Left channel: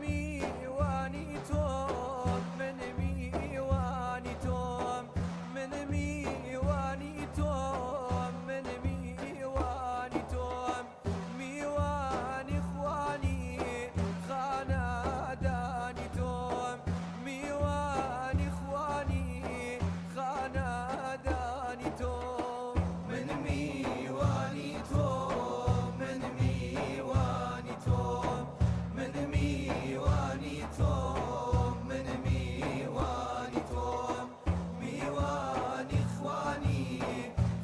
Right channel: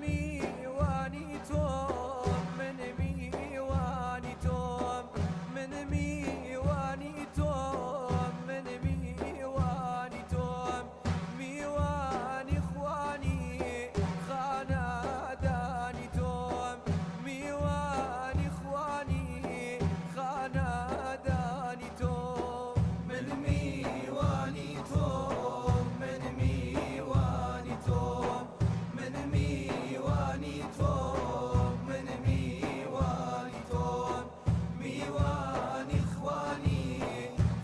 ميواني توم من ميواني توم من ميواني توم من ميواني توم ميواني اخواني خاناداني توم ميواني اخواني خاناداني توم من ميواني توم من ميواني توم من ميواني توم من ميواني توم ميواني اخواني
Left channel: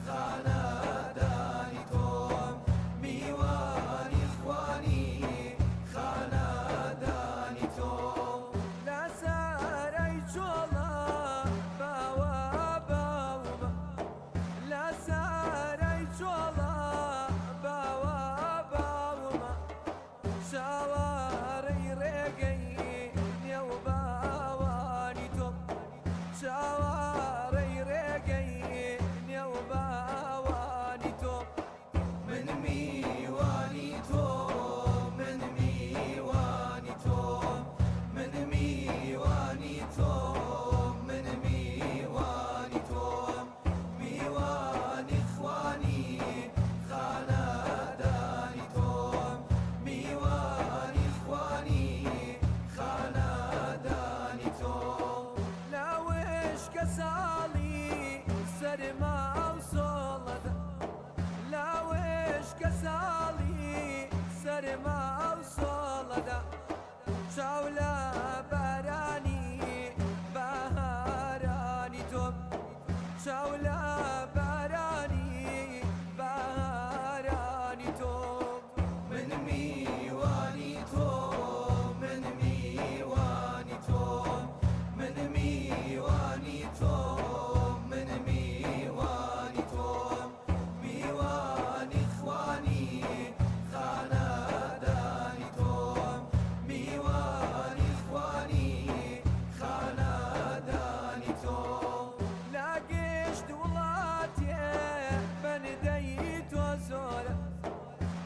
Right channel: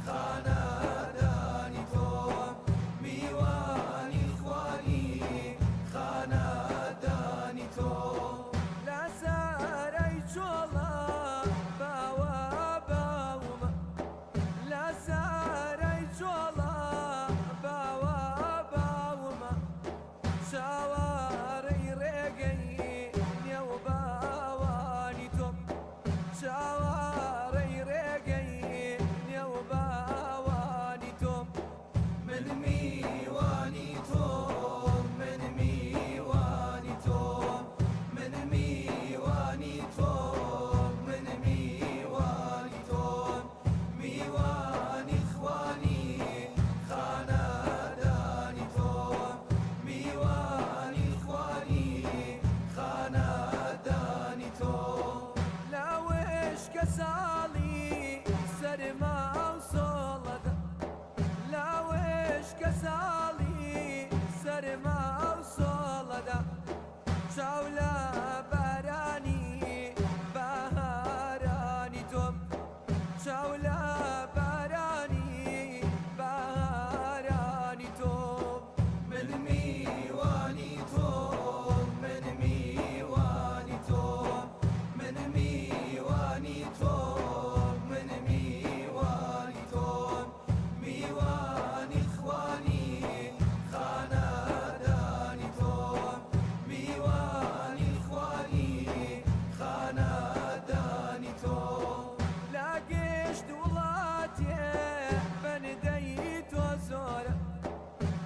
خاناداني توم ميواني اخواني خاناداني توم لا ساري جولا باوا باوما لا ساري جولا باوا باوما شاواري ريقي نيو باواني توم شاواري ريقي نيو باواني توم من ميواني توم من ميواني توم من ميواني توم من ميواني توم ميواني اخواني خاناداني توم ميواني اخواني خاناداني توم لا وش كسالي سرما وصولده لا وش كسالي سرما وصولده شاولا باراني بهاراني توم شاولا باراني بهاراني توم من ميواني توم من ميواني توم من ميواني توم من ميواني توم ميواني اخواني خاناداني توم ميواني اخواني خاناداني توم لاقيش دولاتي بنديت وزوره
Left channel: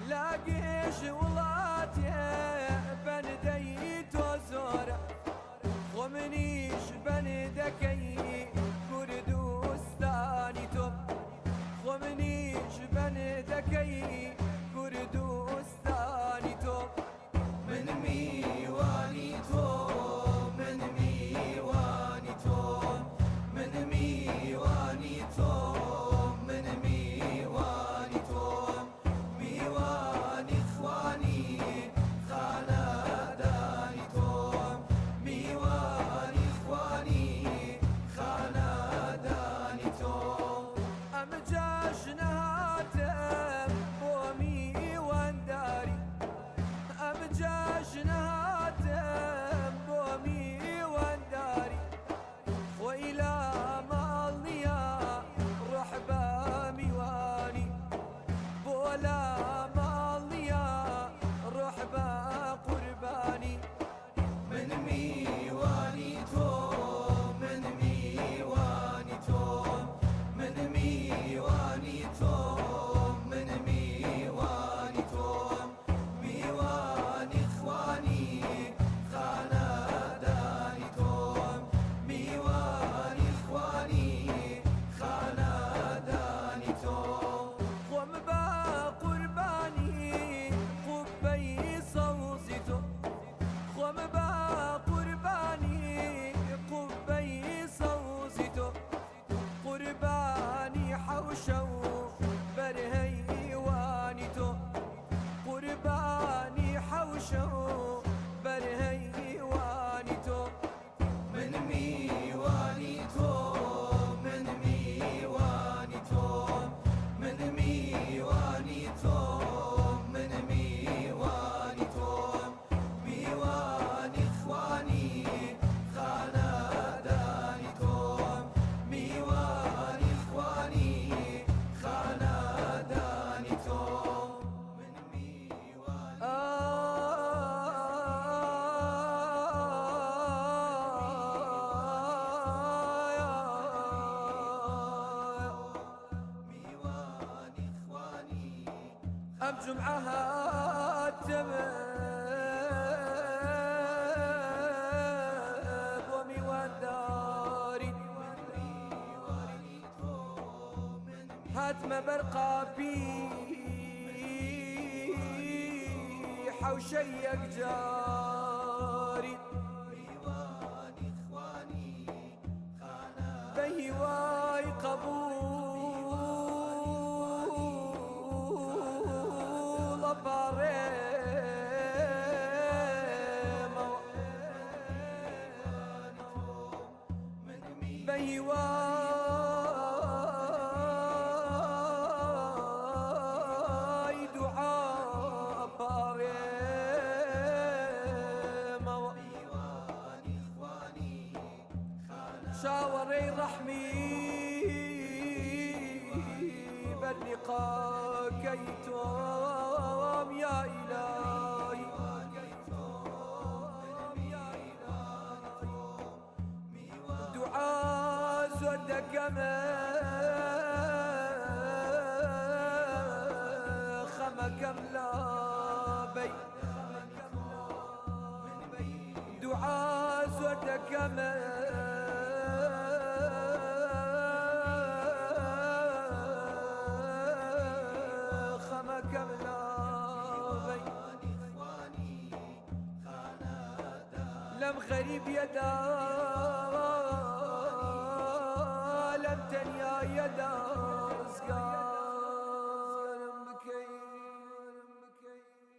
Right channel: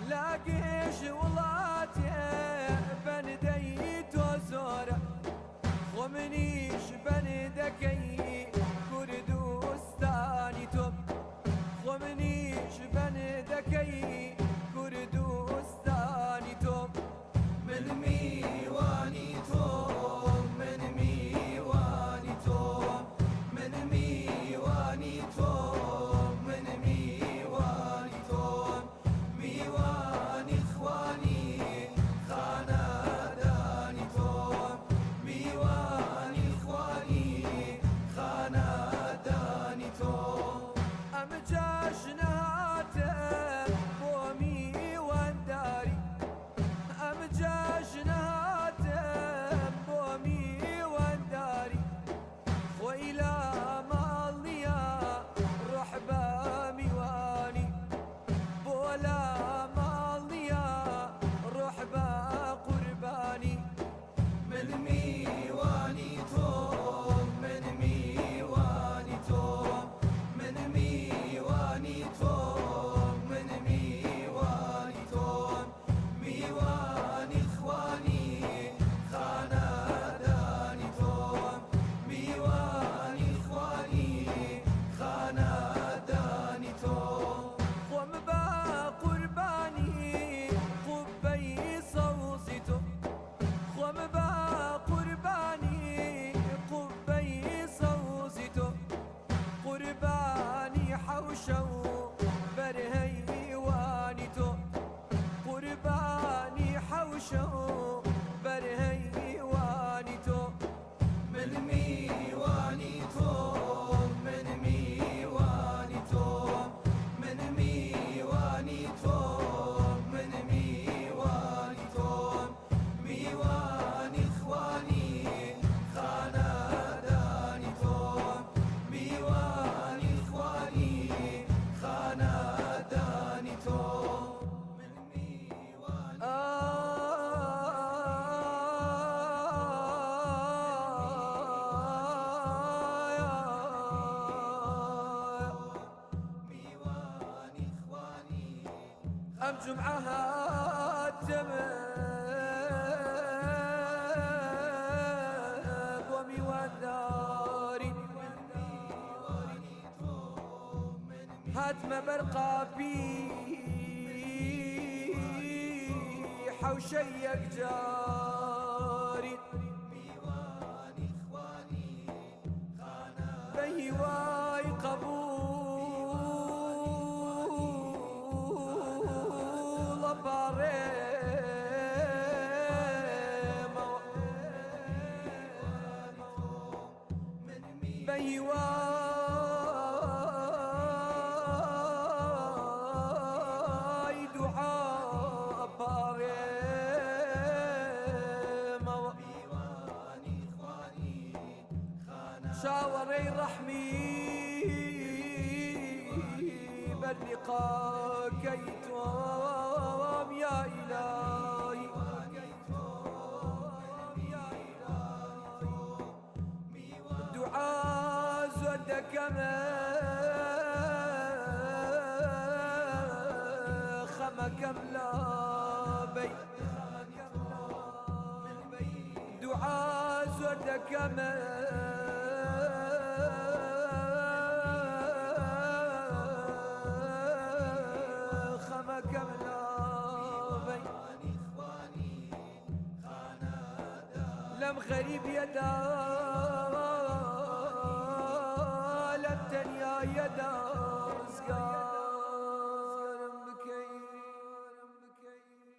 لاقيش ولاتي بنديت وزوره خمنيش بندكي كردوستاني توم خمنيش بندكي كردوستاني توم من ميواني توم من ميواني توم من ميواني توم من ميواني توم ميواني اخواني خاناداني توم ميواني اخواني خاناداني توم امجاش نهاتم بومي وانداري امجاش نهاتم بومي وانداري خويلا مالنيا روح بميواني بولا مالنيا روح بقرباني من ميواني توم من ميواني توم من ميواني توم من ميواني توم ميواني اخواني خاناداني توم ميواني اخواني خاناداني توم قم بقرباني قبي صوصيتو قم بقرباني قبي صوصيتو قرباني حوشو برهيوانيتو قرباني حوشو برهيوانيتو من ميواني توم من ميواني توم من ميواني توم من ميواني توم ميواني اخواني خاناداني توم ميواني اخواني خاناداني توم من أم جمعها التمر يتم برقى بيحة وشيق جاري بهواي قبول باريما بهواي دعاء باريما شاوري رحمي باللقاء كيتم يا إلهي دعاء زودك ما خمك ملا بي دعاء زودك ما لم غريب يدا لم تنيا يدا رزقا